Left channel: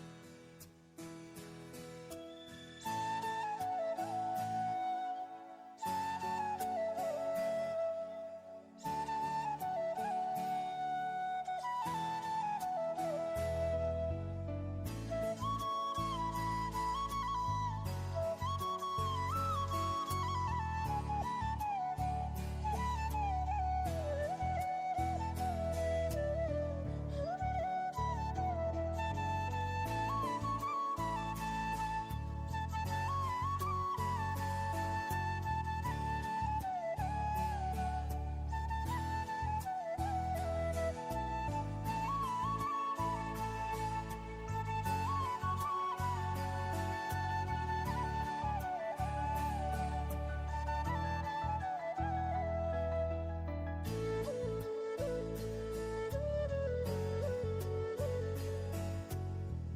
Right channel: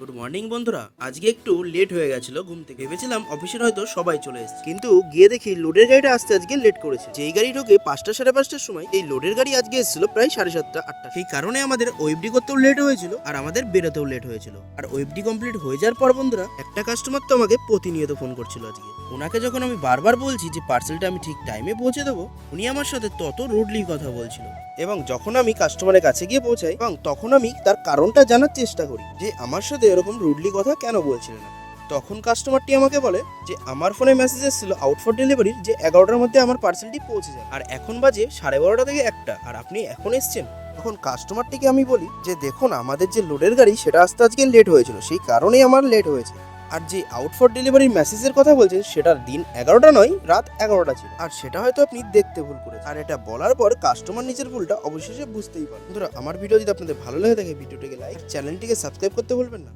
Good morning বন্ধুরা। আজকে একটু লেট হয়ে গেছিল ঘুম থেকে। ভেবেছিলাম অফিসের হয়তো সবাই চলে এসেছে, কিন্তু গিয়ে দেখি লোডের গাড়িটা আসতে আজকে লেট করেছে। যেই গাড়ি ঢোকে 5টা সাড়ে 5টার সময়, এই লোডের গাড়ি আজকে এসেছিল প্রায় 7:30 8টা। সেই কারণে আমাদের ওয়েবডি করতেও লেট হয়েছিল আর আমাদের বেরোতেও লেট হয়েছিল। আর ওয়েবডি কমপ্লিট হয়ে যাওয়ার পর বন্ধুরা, একটা কাস্টমার তো আমাকে প্রতিনিয়ত ফোন করছিল আজকে। ওনাকে যখন আমি বারবার বলছি যে পার্সেলটা আমি ঠিক টাইমে পৌঁছে দেবো, উনি আমার সাথে তত রুডলি কথা বলছিল। এবং যখন আমি কাস্টমারের কাছে গিয়ে পৌঁছাই, এবং তখন আমি তার কারণটা জানার চেষ্টা করি যে আমার সাথে এরকম রুডলি কথা কেন বলছিলেন। তখন কাস্টমারটি আমাকে বলে যে আমার ফোনে মেসেজ এসেছিল আউট ফর ডেলিভারির, যে 11টার মধ্যে আমার পার্সেলটি পৌঁছে যায়, আর এখন বাজে 12:30 থেকে 1টা, আর আপনি এখন এসছেন। তখন কাস্টমারটিকে আমি বলি যে দেখুন, আমাদের যে লোডের গাড়ি সেটা আসতে আজকে লেট হয়েছিল, সেই কারণেই আমার লেট হয়েছে। আর যে আউট ফর ডেলিভারির মেসেজের কথা বলছেন, সেটার দিন 11টা নয়, রাত 11টা ছিল। আর সেটা হয়তো আপনি দেখতে ভুল করেছেন। আর এটা বলার পর কাস্টমার নিজের ভুলটা অবশেষে বুঝতেই পারে। বন্ধুরা, আমার ভিডিও যদি আপনাদের ভালো লাগে থাকে, ভিডিওটিকে লাইক, চ্যানেলটিকে সাবস্ক্রাইব করতে ভুলবেন না।